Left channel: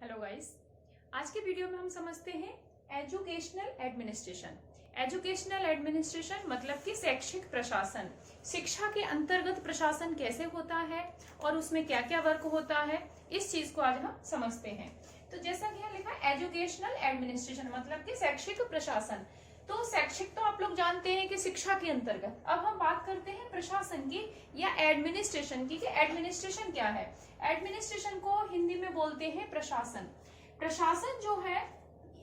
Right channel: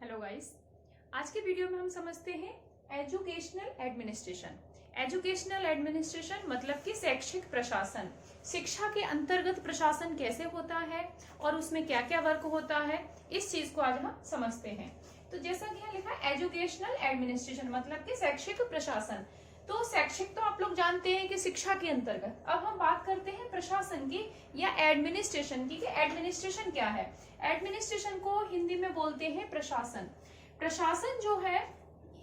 Hello guys, आज के video में हम समझते हैं एजुकेशनल एडमिनिस्ट्रेशन। एजुकेशनल एडमिनिस्ट्रेशन मतलब कि शैक्षिक प्रशासन, शिक्षा के अंतर्गत प्रशासन कैसे होता है और उसमें क्या क्या वर्क होता है, इस चीज को आज हम समझते हैं। तो जैसा कि यहाँ लिखा है एजुकेशनल एडमिनिस्ट्रेशन मतलब कि शैक्षिक प्रशासन। तो शैक्षिक तो आप लोग जानते हैं कि शिक्षा के अंतर्गत। अब हम बात करते हैं प्रशासन की या एडमिनिस्ट्रेशन की, कि एडमिनिस्ट्रेशन क्या है। एडमिनिस्ट्रेशन को हिंदी में बोलते हैं प्रशासन। प्रशासन जो है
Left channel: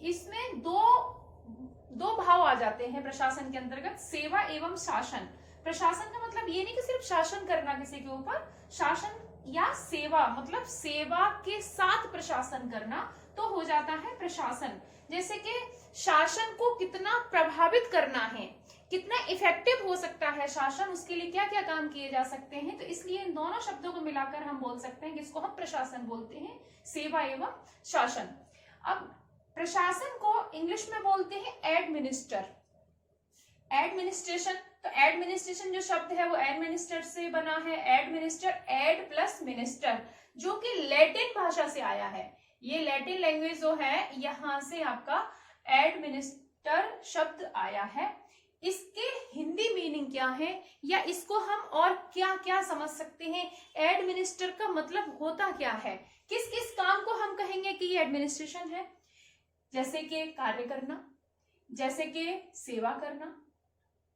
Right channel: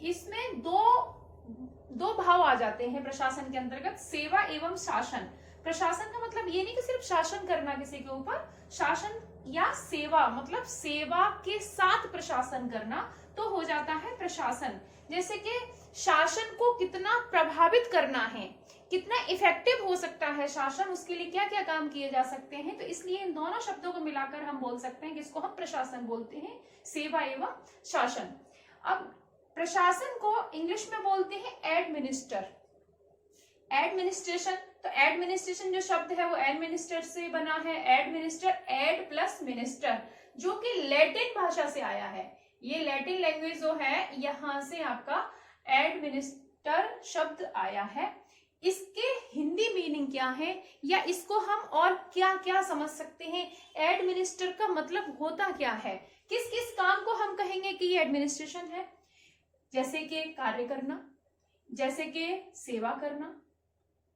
इसमें दो भाव आ जाते हैं प्रशासन के अंतर्गत, सेवा एवं शासन। प्रशासन का मतलब ये नहीं कि सिर्फ शासन करना किसी के ऊपर, शासन या सेवा मतलब सेवा के साथ प्रशासन करना तो हो जाता है प्रशासन। जैसे कि शासन को कितना प्रभावित करना है, कितना इफेक्टिव हो सकता है शासन, उसके लिए क्या क्या काम किए जा सकते हैं। तो इसलिए इन दोनों शब्दों को मिलाकर हम बोल सकते हैं कि इसको हम प्रशासन बोलते हैं, सेवा एवं शासन। अब प्रशासन को इंग्लिश में बोलते हैं एडमिनिस्टर। एडमिनिस्ट्रेशन, तो एडमिनिस्ट्रेशन जो शब्द है वो एडमिनिस्टर से बना है। एडमिनिस्टर, एड प्लस मिनिस्टर, जो कि लैटिन भाषा से आया है। ये लैटिन लैंग्वेज जो है यहां से आपका एडमिनिस्टर शब्द आया है। इसके हिंदी मीनिंग क्या है या इसको हम और क्या क्या समझ सकते हैं, एडमिनिस्टर का मतलब होता क्या है, किस किस काम को हम कहेंगे कि ये एडमिनिस्ट्रेशन है। जैसे कि कार्य करना, जैसे कि सेवा करना,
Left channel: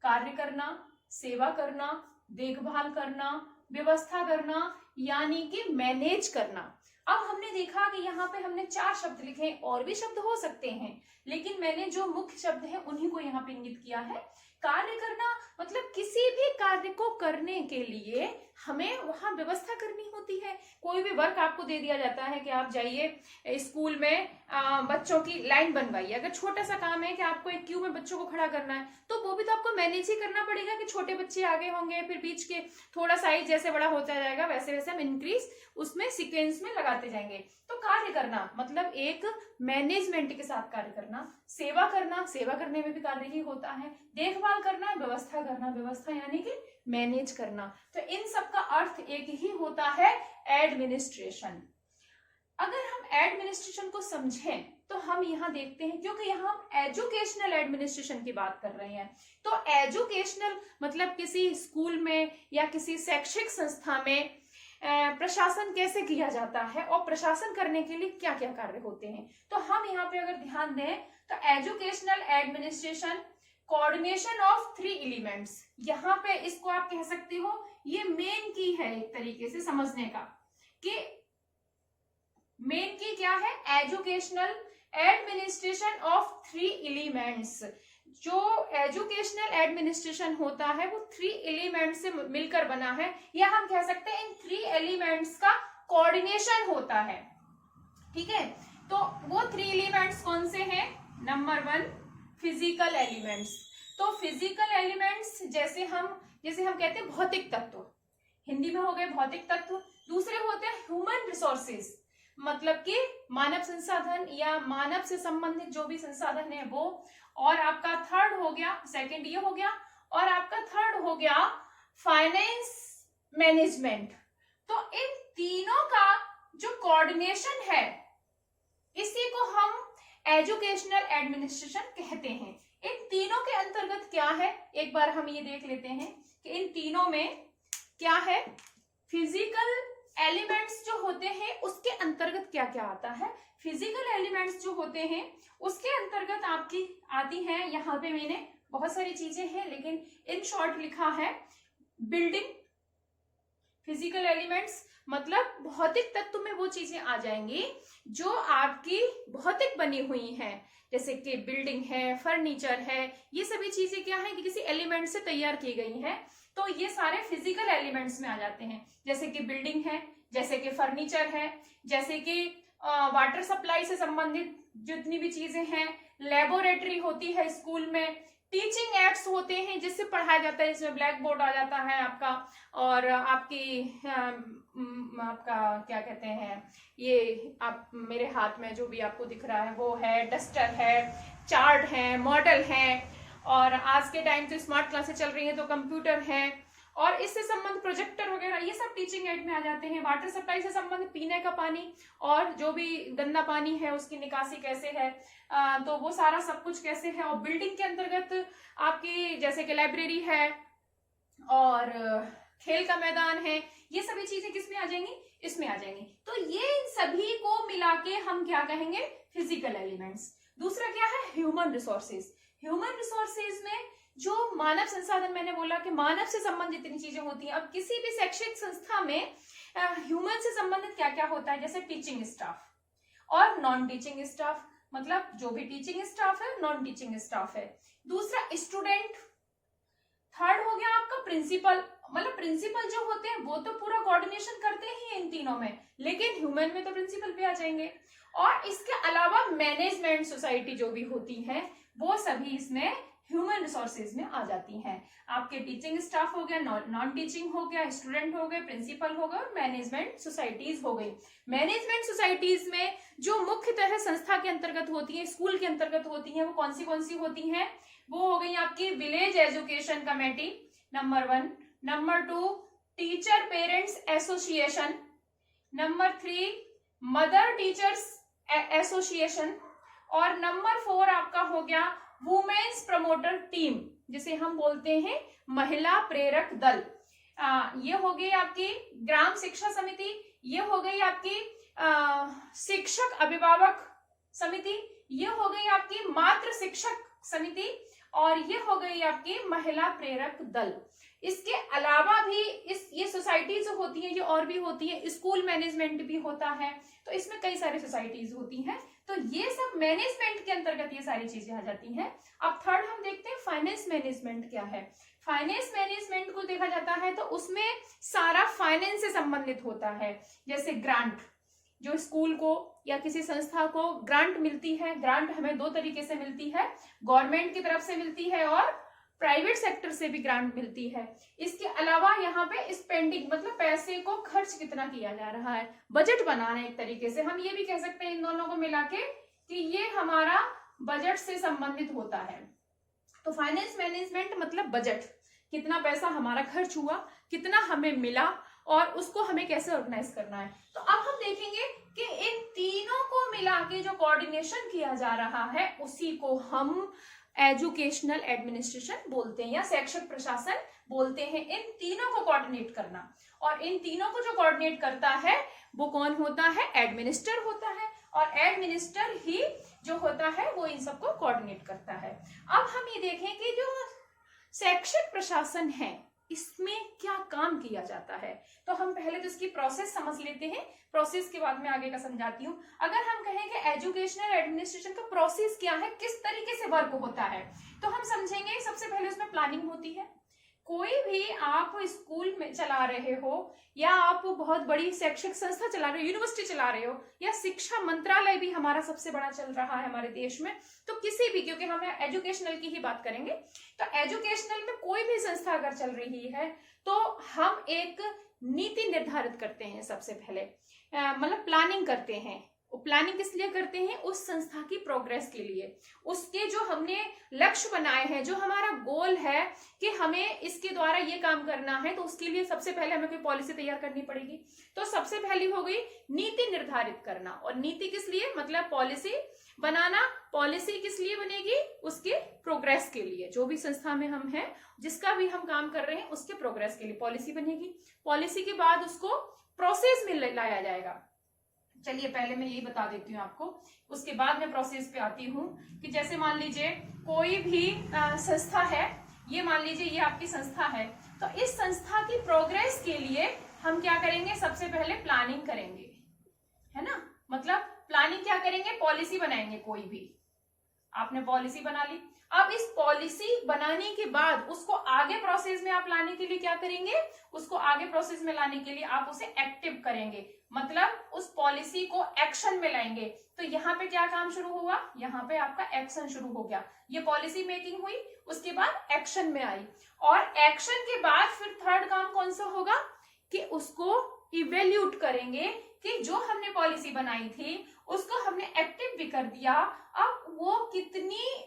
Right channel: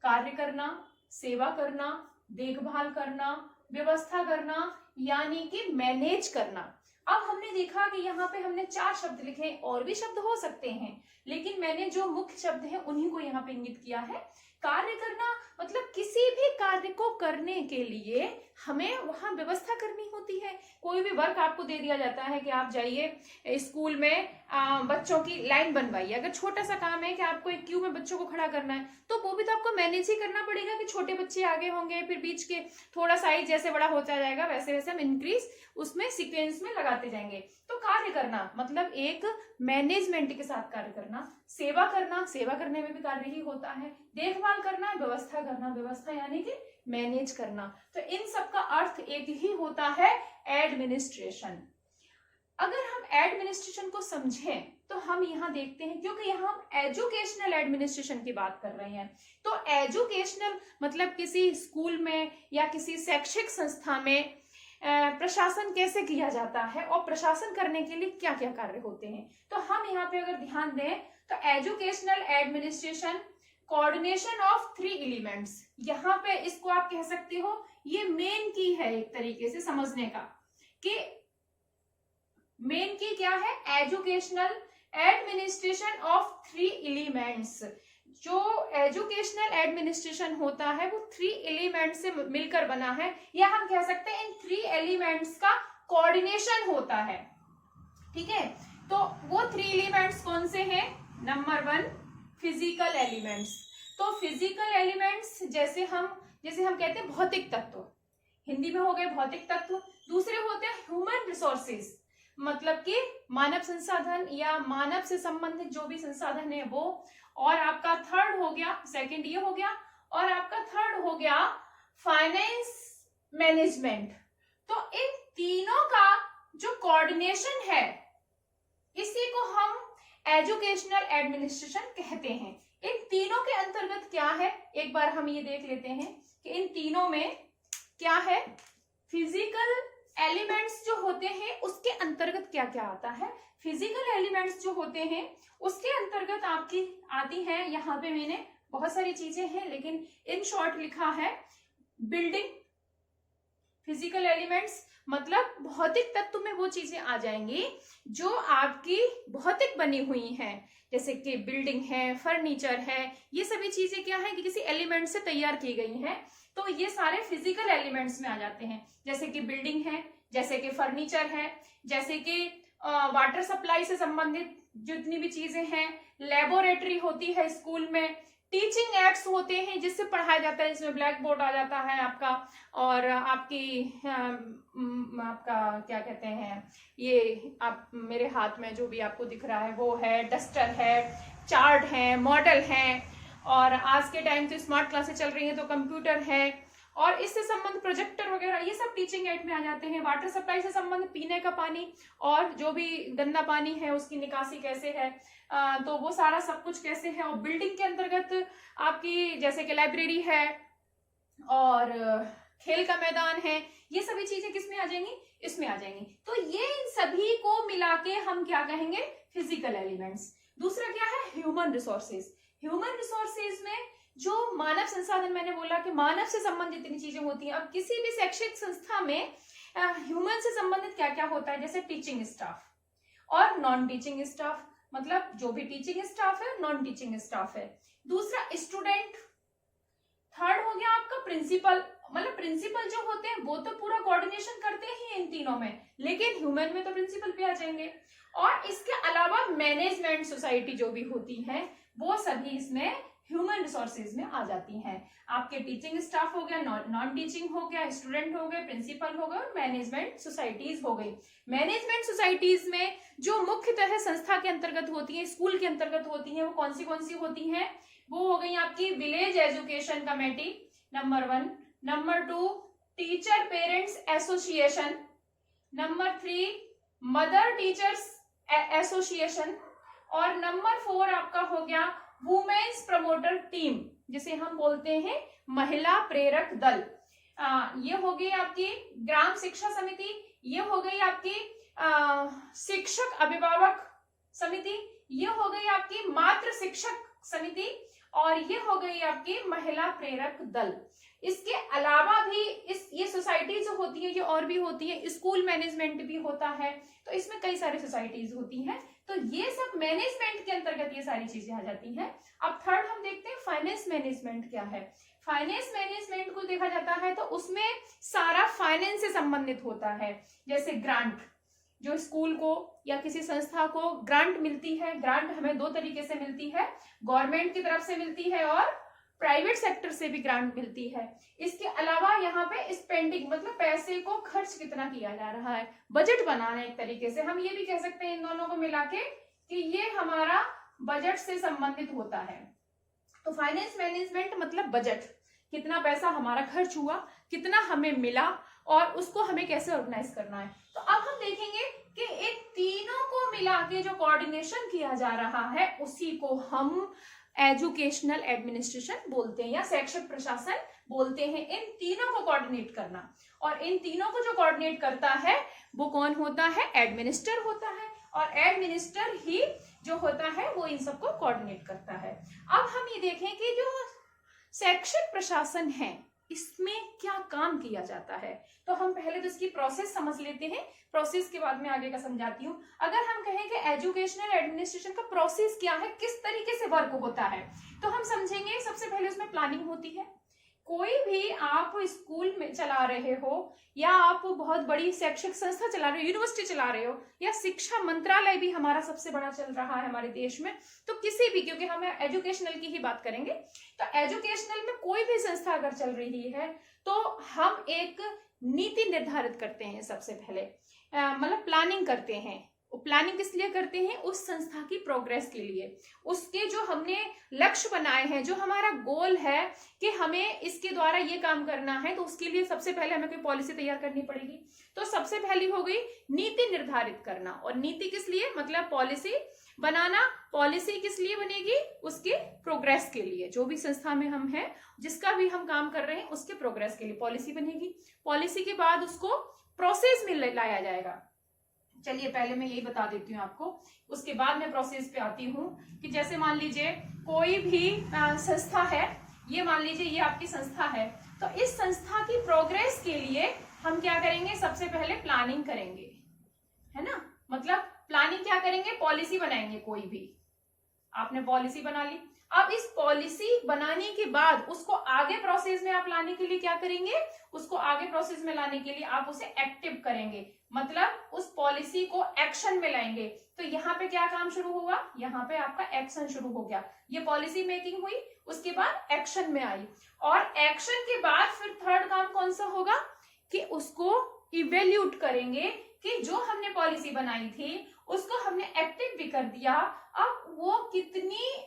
कार्य करना, सेवा करना, देखभाल करना, व्यवस्था करना, यानी कि मैनेज करना। अब हमने देखा कि यहाँ पे हमने 4 शब्द लिखे, और भी शब्द हो सकते हैं, लेकिन मैंने जो मुख्य शब्द है उन्हीं को यहाँ पे इंगित किया है। कार्य करना मतलब किसी भी कार्य को करने के लिए हमें वहां व्यवस्था करनी होती है। कोई भी वर्क आपको दे दिया जाता है कि आप जाइए स्कूल में बच्चों की लाइन बनवाइए। अगर छोटा सा काम है कि आपको एक क्यू में बच्चों को खड़ा करना है, तो वो भी तो आपको मैनेज ही करना पड़ेगा कि छोटे बच्चे आगे होंगे, फिर बीच के थोड़ा साइज जैसे बड़ा होता जाएगा वैसे वैसे हम इंक्रीज उसमें सीक्वेंस में लगाते जाएंगे। तो कार्य करना मतलब एक मैनेजमेंट के साथ कार्य करना। सेवा करना, सेवा करने में भी कार्य ही होता है। देखभाल करना, व्यवस्था करना, व्यवस्था यानी कि मैनेज करना। तो इन सब का अर्थ एक ही होता है, एडमिनिस्ट्रेशन। अगर हम एडमिनिस्ट्रेशन को समझें तो हम यहाँ देखते हैं, क्योंकि यहाँ हम एजुकेशनल एडमिनिस्ट्रेशन की बात कर रहे हैं, तो एजुकेशनल मतलब किसी स्कूल में या किसी शैक्षिक संस्था में प्रशासन कैसे किया जाता है और प्रशासन करने के लिए क्या क्या कार्य होते हैं। तो हम यहाँ पे अगर ध्यान दें तो educational administration coordination of 3 elements, यहाँ पे इसको आप कह सकती हो ये मेन की है एक तरीके से समझने का, कि मेन की क्या है, एजुकेशनल एडमिनिस्ट्रेशन ऑफ 3 एलिमेंट्स। जो एजुकेशनल एडमिनिस्ट्रेशन होता है वो 3 एलिमेंट से मिलकर बना है, या हम कह सकते हैं इन 3 एलिमेंट्स का कोऑर्डिनेशन होता है। ठीक है, तो वो 3 एलिमेंट्स कौन से हैं। Number 1 physical elements. तो फिजिकल एलिमेंट्स जैसे हम कहते हैं भौतिक तत्व, हिंदी में हो गए भौतिक तत्व। दूसरे होते हैं ह्यूमन रिसोर्सेज, मतलब कि मानव संसाधन या मानव से संबंधित जो भी संसाधन है वो। और आपका थर्ड हो गया, सेकंड ये हो गया, और आपका थर्ड हो गया फाइनेंस मैनेजमेंट। तो इन तीनों का जो कोऑर्डिनेशन है इसी को हम एजुकेशनल एडमिनिस्ट्रेशन कहते हैं। इन तीनों के अंतर्गत क्या है, एक बार हम ये देख लेते हैं कि इन तीनों में क्या है। फिजिकल एलिमेंट्स जो होते हैं उसके अंतर्गत क्या क्या आता है। फिजिकल एलिमेंट्स जो होते हैं उसके अंतर्गत आपकी आती है, यहाँ पे मैंने बहुत सारी चीजें हैं लेकिन इन शॉर्ट लिखा है बिल्डिंग। फिजिकल एलिमेंट्स मतलब भौतिक तत्व में वो चीजें आ जाएंगी जो आपकी भौतिक बनी हुई हैं, जैसे कि बिल्डिंग है, फर्नीचर है, ये सभी चीजें क्या है कि किसी एलिमेंट से तैयार की गई हैं। तो ये सारे फिजिकल एलिमेंट्स में आ जाते हैं, जैसे कि बिल्डिंग है, जैसे कि फर्नीचर है, जैसे कि वाटर सप्लाई से संबंधित जितनी भी चीजें हैं, लेबोरेटरी होती है स्कूल में, टीचिंग एड्स होते हैं जिससे पढ़ाया जाता है, इसमें ब्लैक बोर्ड आ जाता है आपका, और आपकी आपका क्या कहते हैं, ये आप मेरे हाथ में जो भी आपको दिख रहा है वो है, डस्टर है, चार्ट है, मॉडल है, और आज के टाइम तो स्मार्ट क्लासेस चल रही है तो कंप्यूटर है, और इससे संबंध प्रोजेक्टर वगैरह ये सब टीचिंग एड में आ जाते हैं। वाटर सप्लाई से संबंध पीने का पानी और जो भी गंदा पानी है उसकी निकासी कैसे है, तो वो सारा सब कुछ कैसे है। और बिल्डिंग के अंतर्गत आपकी जैसे कि लाइब्रेरी है और खेल का मैदान है, ये सभी चीजें किसमें आ जाएंगी, इसमें आ जाएंगी। तो ये इन सभी को मिला के हम क्या कहेंगे, फिजिकल एलिमेंट्स। दूसरा क्या है, ह्यूमन रिसोर्सेज। ह्यूमन रिसोर्सेज में जो मानव संसाधन, मैंने बोला कि मानव से संबंधित इतनी चीजें होती हैं। अब किसी भी शैक्षिक संस्था में ह्यूमन से संबंधित क्या क्या होता है, जैसे टीचिंग स्टाफ और नॉन टीचिंग स्टाफ, मतलब जो भी टीचिंग स्टाफ है नॉन टीचिंग स्टाफ है। दूसरा स्टूडेंट। थर्ड हो गया आपका प्रिंसिपल, मतलब प्रिंसिपल जो होते हैं वो तो पूरा कोऑर्डिनेशन करते ही इन तीनों में, लेकिन ह्यूमन में तो प्रिंसिपल भी आ जाएंगे। और इसके अलावा मैनेजमेंट सोसाइटी जो भी होती है वो सभी इसमें ह्यूमन रिसोर्सेज में आ जाती हैं। आपके टीचिंग स्टाफ हो गया, नॉन टीचिंग हो गया, स्टूडेंट हो गए, प्रिंसिपल हो गए और मैनेजमेंट सोसाइटीज हो गई। मैनेजमेंट सोसाइटीज में जो मुख्यतः संस्था के अंतर्गत होती है, स्कूल के अंतर्गत होती है, वो कौन सी होती हैं, वो हो गई आपकी village education committee number 1, number 2 teacher parents association, number 3 mother teachers association और नंबर 4 आपका हो गया वुमेन्स प्रमोटर टीम, जिसे हम बोलते हैं महिला प्रेरक दल। ये हो गई आपकी ग्राम शिक्षा समिति, ये हो गई आपकी शिक्षक अभिभावक समिति, ये हो गई आपकी मातृ शिक्षक समिति और ये हो गई आपकी महिला प्रेरक दल। इसके अलावा भी ये सोसाइटी जो होती है ये और भी होती है, स्कूल मैनेजमेंट भी होता है, तो इसमें कई सारी सोसाइटीज होती हैं। तो ये सब मैनेजमेंट के अंतर्गत ये सारी चीजें आ जाती हैं। अब थर्ड हम देखते हैं फाइनेंस मैनेजमेंट क्या है। फाइनेंस मैनेजमेंट को देखा जाता है तो उसमें सारा फाइनेंस से संबंधित होता है। जैसे ग्रांट, जो स्कूल को या किसी संस्था को ग्रांट मिलती है, ग्रांट हमें 2 तरीके से मिलती है, गवर्नमेंट की तरफ से मिलती है और प्राइवेट सेक्टर से भी ग्रांट मिलती है। इसके अलावा यहाँ पे स्पेंडिंग, मतलब पैसे को खर्च कितना किया जा रहा है, बजट बनाना एक तरीके से हम ये भी कह सकते हैं इन दोनों को मिला के कि ये हमारा बजट से संबंधित होता है। तो फाइनेंस मैनेजमेंट मतलब बजट, कितना पैसा हमारा खर्च हुआ, कितना हमें मिला और उसको हमें कैसे ऑर्गेनाइज करना है। तो अब हम देखेंगे कि इन तीनों को मिला के जो कोऑर्डिनेशन किया जा रहा है उसी को हम एजुकेशनल एडमिनिस्ट्रेशन बोलते हैं या शैक्षिक प्रशासन बोलते हैं। इन तीनों को कोऑर्डिनेट करना, और इन तीनों को जो कोऑर्डिनेट करता है वो कौन होता है, एडमिनिस्टर होता है, और एडमिनिस्टर ही जो होता है वो इन सबको कोऑर्डिनेट करता है। अब हम ये देखें कि जो शैक्षिक प्रशासन है इसमें क्या काम किया जाता है, तो हम पहले तो इसकी प्रोसेस समझ लेते हैं, प्रोसेस के बाद में आगे का समझाती हूँ। अगर हम कहें कि एजुकेशनल एडमिनिस्ट्रेशन का प्रोसेस क्या है, किस तरीके से वर्क होता है, तो हम समझेंगे सबसे पहले उसमें प्लानिंग होती है। कोई भी आप स्कूल में चला रहे हो या आप बहुत बड़ी शैक्षिक संस्था चला रहे हो, यूनिवर्सिटी चला रहे हो, या शिक्षा मंत्रालय भी हमारा सबसे बड़ा चल रहा है हमारे देश में, तो किसी भी, क्योंकि हम एजुकेशनल की ही बात करेंगे, तो एजुकेशनल में कोई भी संस्था अगर चल रही है तो हम एक नीति निर्धारित करते हैं सबसे पहले, मतलब प्लानिंग करते हैं। प्लानिंग किस लिए करते हैं, उस संस्था की प्रोग्रेस के लिए, उसके जो हमने लक्ष्य बनाए हैं, जो हमारा गोल है कि हमें इसके द्वारा ये काम करना है, तो उसके लिए सबसे पहले हमें कोई पॉलिसी तैयार करनी पड़ेगी। तो सबसे पहली हो गई नीति निर्धारित करना, और नीति किस लिए, मतलब पॉलिसी बनाना। पॉलिसी किस लिए बनेगी, उसके प्रोग्रेस के लिए, जो भी संस्था में हम हैं, जिसका भी हम काम कर रहे हैं उसके प्रोग्रेस के लिए पॉलिसी बनेगी। पॉलिसी के बाद उसको प्रोसेस में लाया जाएगा। चलिए पहले मैं यही बता देती हूँ आपको, उसके बाद मैं प्रोसेस पे आती हूँ कि जैसे मान लीजिए कोई भी संस्था है, ये मान लीजिए ये आपकी संस्था है, तो इस संस्था की प्रोग्रेस के लिए हम क्या करेंगे, सबसे पहले प्लानिंग करेंगे, है ना। मतलब प्लानिंग क्या करेंगे, पॉलिसी बनाएंगे। कोई भी आपने पॉलिसी बना ली, अब इस पॉलिसी बनाने के बाद उसको आगे प्रोसेस में आप लाने के लिए क्या करेंगे, उसको आगे प्रोसेस में लाने के लिए आप उसे एक्टिव करेंगे, मतलब उस पॉलिसी को एक्शन में लाएंगे। तो यहाँ पे क्या काम शुरू हुआ, यहाँ पे आपका एक्शन शुरू हो गया। ये पॉलिसी मेकिंग हुई, उसके बाद एक्शन में आई, और एक्शन के बाद फिर थर्ड काम कौन सा होगा कि उसको इवेल्यूट करेंगे कि जो हमने पॉलिसी बनाई थी उसको हमने एक्टिव भी कर दिया, अब वो कितनी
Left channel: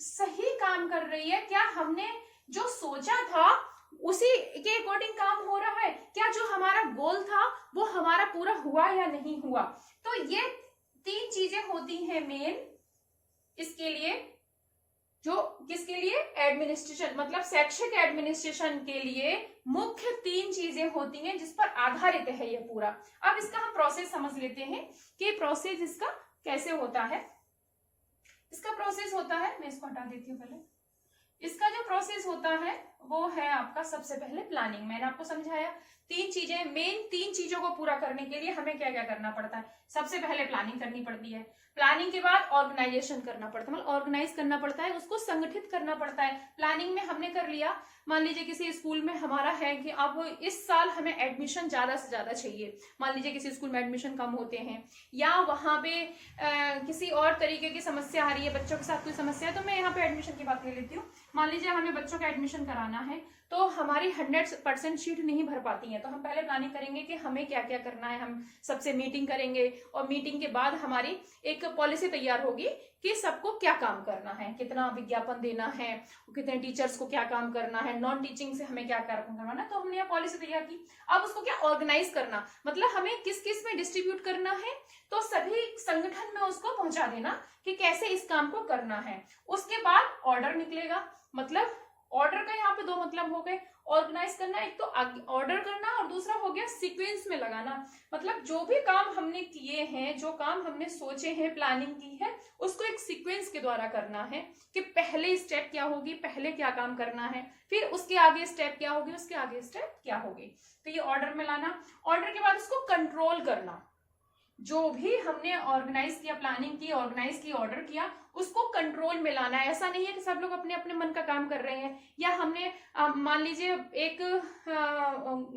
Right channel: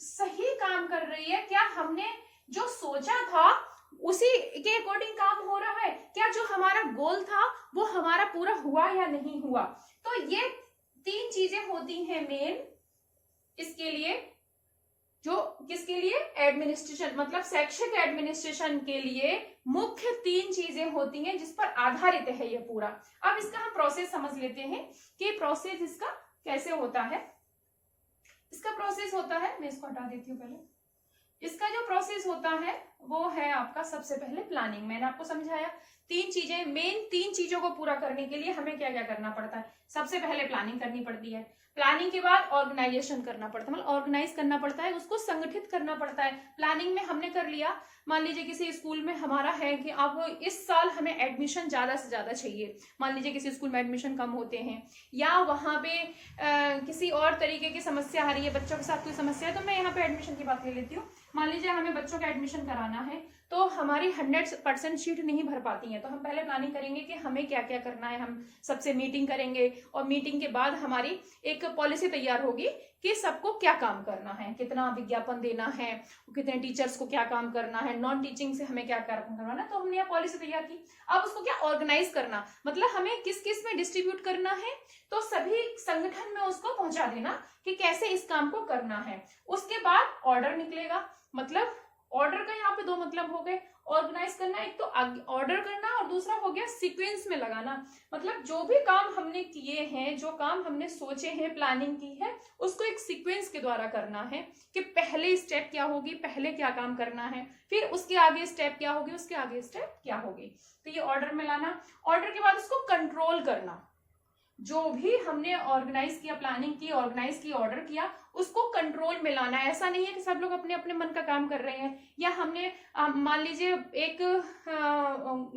सही काम कर रही है, क्या हमने जो सोचा था उसी के अकॉर्डिंग काम हो रहा है, क्या जो हमारा गोल था वो हमारा पूरा हुआ या नहीं हुआ। तो ये 3 चीजें होती हैं मेन इसके लिए, जो किसके लिए, एडमिनिस्ट्रेशन मतलब शैक्षिक एडमिनिस्ट्रेशन के लिए मुख्य 3 चीजें होती हैं जिस पर आधारित है ये पूरा। अब इसका हम प्रोसेस समझ लेते हैं कि प्रोसेस इसका कैसे होता है। इसका प्रोसेस होता है, मैं इसको हटा देती हूँ पहले। इसका जो प्रोसेस होता है वो है आपका सबसे पहले प्लानिंग। मैंने आपको समझाया 3 चीजें, मेन 3 चीजों को पूरा करने के लिए हमें क्या क्या करना पड़ता है। सबसे पहले प्लानिंग करनी पड़ती है, प्लानिंग के बाद ऑर्गेनाइजेशन करना पड़ता है, मतलब ऑर्गेनाइज करना पड़ता है, उसको संगठित करना पड़ता है। प्लानिंग में हमने कर लिया, मान लीजिए किसी स्कूल में हमारा है कि अब इस साल हमें एडमिशन ज्यादा से ज्यादा चाहिए, मान लीजिए किसी स्कूल में एडमिशन कम होते हैं या वहां पे किसी और तरीके की समस्या आ रही है, बच्चों के साथ कोई समस्या है, तो मैं यहाँ पे एडमिशन की बात ले लेती हूँ। मान लीजिए हमें बच्चों का एडमिशन कराना है तो हमारी 100% सीट नहीं भर पाती है, तो हम पहले प्लानिंग करेंगे कि हमें क्या क्या करना है। हम सबसे मीटिंग करेंगे और मीटिंग के बाद हमारी एक पॉलिसी तैयार होगी कि सबको क्या काम करना है, कितना विज्ञापन देना है, कितने टीचर्स को क्या काम करना है, नॉन टीचिंग से हमें क्या काम करना है। तो हमने यह पॉलिसी तैयार की। अब उसको क्या ऑर्गेनाइज करना, मतलब हमें किस किस में डिस्ट्रीब्यूट करना है, तो सभी संगठन में उसको पहुंचा देना कि कैसे इस काम को करना है। उसके बाद ऑर्डर निकलेगा, मतलब ऑर्डर का यहाँ पे 2 मतलब हो गए, ऑर्गेनाइज करना, एक तो ऑर्डर करना और दूसरा हो गया सीक्वेंस में लगाना। मतलब जो भी काम हमने किए हैं, जो काम हमने सोचे हैं, प्लानिंग की है, उसको एक सीक्वेंस के द्वारा करना है कि पहले स्टेप क्या होगी, पहले क्या काम करना है, फिर उसके आगे स्टेप क्या होगी, उसके आगे स्टेप क्या होगी। तो ये ऑर्डर में लाना। ऑर्डर के बाद उसको कंट्रोल करना, जो भी हमने ऑर्गेनाइज किया, प्लानिंग की, ऑर्गेनाइज की, ऑर्डर किया, उसको कंट्रोल में लाना है। ऐसा नहीं है कि सब लोग अपने अपने मन का काम कर रहे हैं, या हमने मान लीजिए एक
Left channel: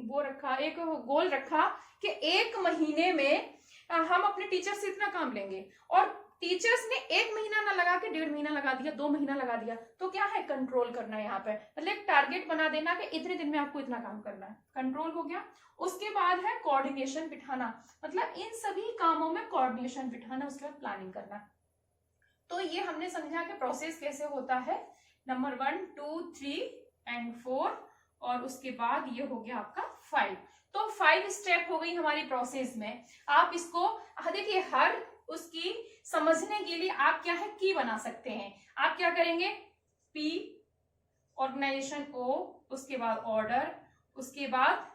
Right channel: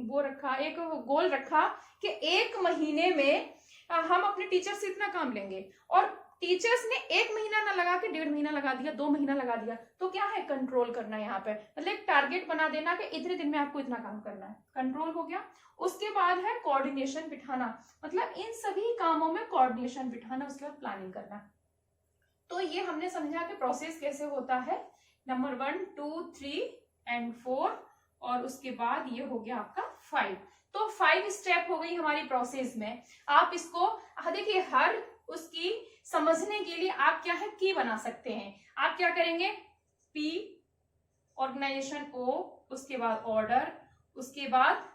वो रखा, एक गोल रखा कि 1 महीने में हम अपने टीचर से इतना काम लेंगे, और टीचर्स ने 1 महीना ना लगा के 1.5 महीना लगा दिया, 2 महीना लगा दिया, तो क्या है, कंट्रोल करना है यहाँ पे। मतलब एक टारगेट बना देना कि इतने दिन में आपको इतना काम करना है, कंट्रोल हो गया। उसके बाद है कोऑर्डिनेशन बिठाना, मतलब इन सभी कामों में कोऑर्डिनेशन बिठाना, उसके बाद प्लानिंग करना। तो ये हमने समझा कि प्रोसेस कैसे होता है, नंबर 1, 2, 3 एंड 4, और उसके बाद ये हो गया आपका 5। तो 5 स्टेप हो गई हमारी प्रोसेस में। आप इसको देखिए, हर उसकी समझने के लिए आप क्या है, की बना सकते हैं। आप क्या करेंगे, P, ऑर्गेनाइजेशन O, उसके बाद ऑर्डर, उसके बाद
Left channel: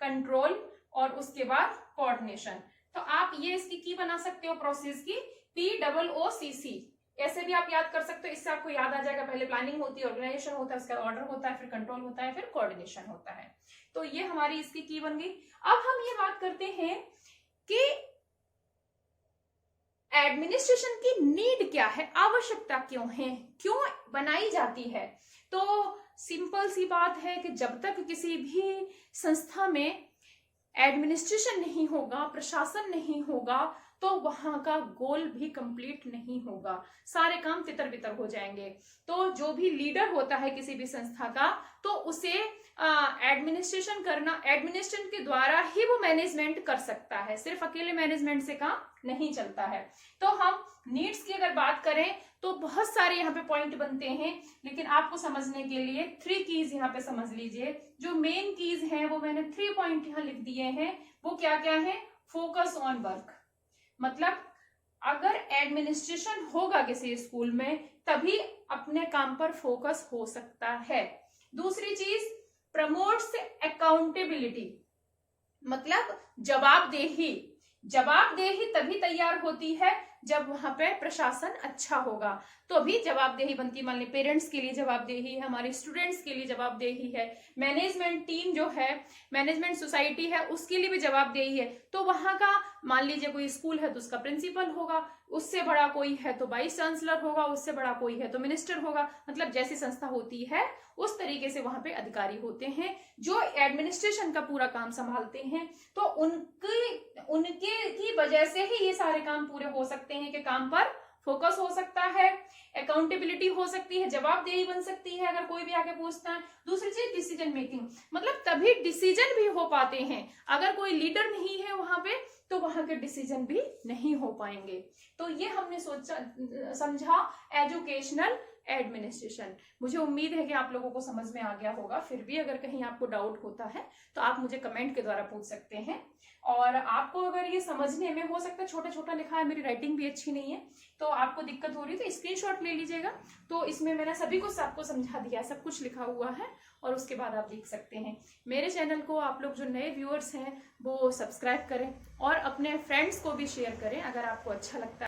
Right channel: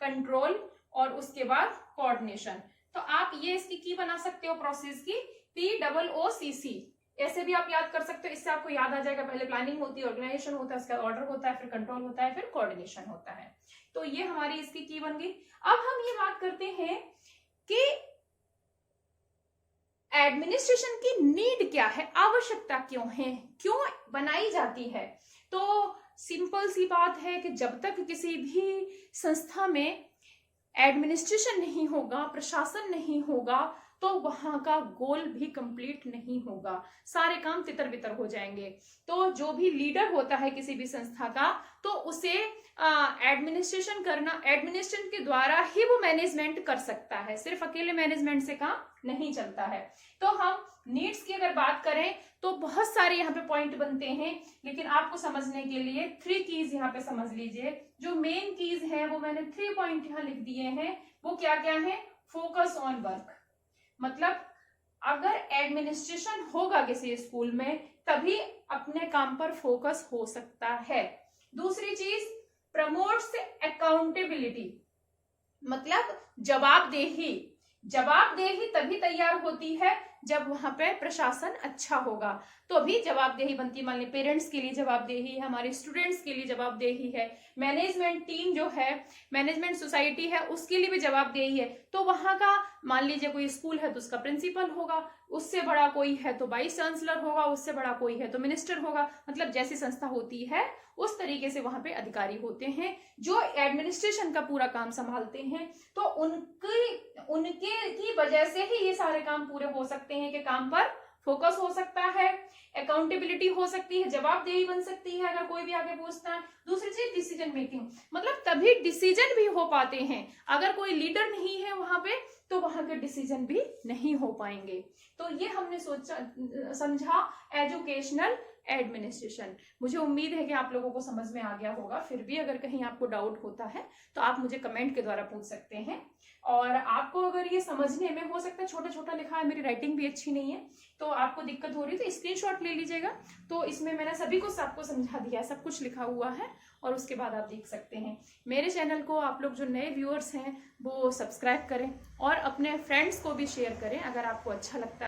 कंट्रोल, और उसके बाद कोऑर्डिनेशन। तो आप ये इसकी की बना सकते हो प्रोसेस की, POOCC, ऐसे भी आप याद कर सकते हो। इससे आपको याद आ जाएगा, पहले प्लानिंग होती है, ऑर्गेनाइजेशन होता है, उसका ऑर्डर होता है, फिर कंट्रोल होता है, फिर कोऑर्डिनेशन होता है। तो ये हमारी इसकी की बन गई। अब हम ये बात करते हैं कि एडमिनिस्ट्रेशन की नीड क्या है, आवश्यकता क्यों है, क्यों बनाई जाती है। तो सिंपल सी बात है कि जब तक किसी भी संस्था में एडमिनिस्ट्रेशन नहीं होगा, प्रशासन नहीं होगा, तो वहां का गोल भी कंप्लीट नहीं होगा, सारे काम तितर बितर हो जाएंगे। तो जो भी लीडर होता है किसी भी संस्था का, तो उसे एडमिनिस्ट्रेशन करना, एडमिनिस्ट्रेशन के द्वारा ही वो मैनेजमेंट कर सकता है, सिर्फ अकेले मैनेजमेंट से काम नहीं चलता है। तो हम नीड्स की अगर बात करें तो बहुत सारे यहाँ पे पॉइंट बनते हैं, लेकिन आपको समझने के लिए 3 कीज यहाँ पे समझ लीजिए। जो मेन कीज हैं वो मैंने 3 पॉइंट यहाँ लिख दिए हैं। वो क्या क्या है, फोकस ऑन वर्क, मतलब अगर एडमिनिस्ट्रेशन होगा किसी स्कूल में तभी अपने काम पर फोकस हो सकता है। दूसरी चीज, प्रमोट्स अकाउंटेबिलिटी, मतलब जवाबदेही। जवाबदेही तभी तैयार होती है जब वहां पे प्रशासन अच्छा होगा, तो अभी जवाबदेही बनती है। मान ली पेरेंट्स के लिए जवाबदेही है, हमारे स्टूडेंट्स के लिए जवाबदेही है, मैनेजमेंट टीम जो है, मैनेजमेंट सोसाइटी है, उसके लिए भी जवाबदेही है। तो वहां का मान लीजिए कोई स्कूल है तो उसका प्रिंसिपल होगा, उससे बड़ा कोई है तो वाइस चांसलर होगा, उससे बड़ा कोई है तो मिनिस्टर होगा। मतलब जैसी संस्था होती है उस तरीके से वहां पे अधिकारी होते हैं जो एडमिनिस्ट्रेशन का पूरा काम संभालते हैं। तो उनके की वजह से ही ये सारे काम पूरे हो सकते हैं कि काम पर फोकस हो सकता है, अकाउंटेबिलिटी हो सकती है, जवाबदेही बन सकती है अगर कोई भी आके पूछता है। दूसरी चीज डिसीजन मेकिंग, मतलब तभी डिसीजन भी हो पाते हैं। अगर कोई लीडर नहीं है वहां पे तो वहां के डिसीजन भी नहीं हो पाएंगे। तो ये हमने समझा एजुकेशनल एडमिनिस्ट्रेशन। मुझे उम्मीद है कि आप लोगों को समझ में आ गया होगा। फिर भी अगर कहीं आपको डाउट होता है तो आप मुझे कमेंट के द्वारा पूछ सकते हैं। और आपको अगर ये समझने में हो सकता है छोटा छोटा लिखा है, मेरी राइटिंग भी अच्छी नहीं है, तो आपको दिक्कत हो रही है तो स्क्रीनशॉट ले लीजिएगा। तो इसमें मैंने सभी कुछ आपको समझा दिया है, सब कुछ लिखा हुआ है और उसके बाद आप देख सकते हैं। मेरे चैनल को आप लोग जो नए व्यूअर्स हैं वो सब्सक्राइब करें और अपने फ्रेंड्स को भी शेयर करें अगर आपको अच्छा लगता है।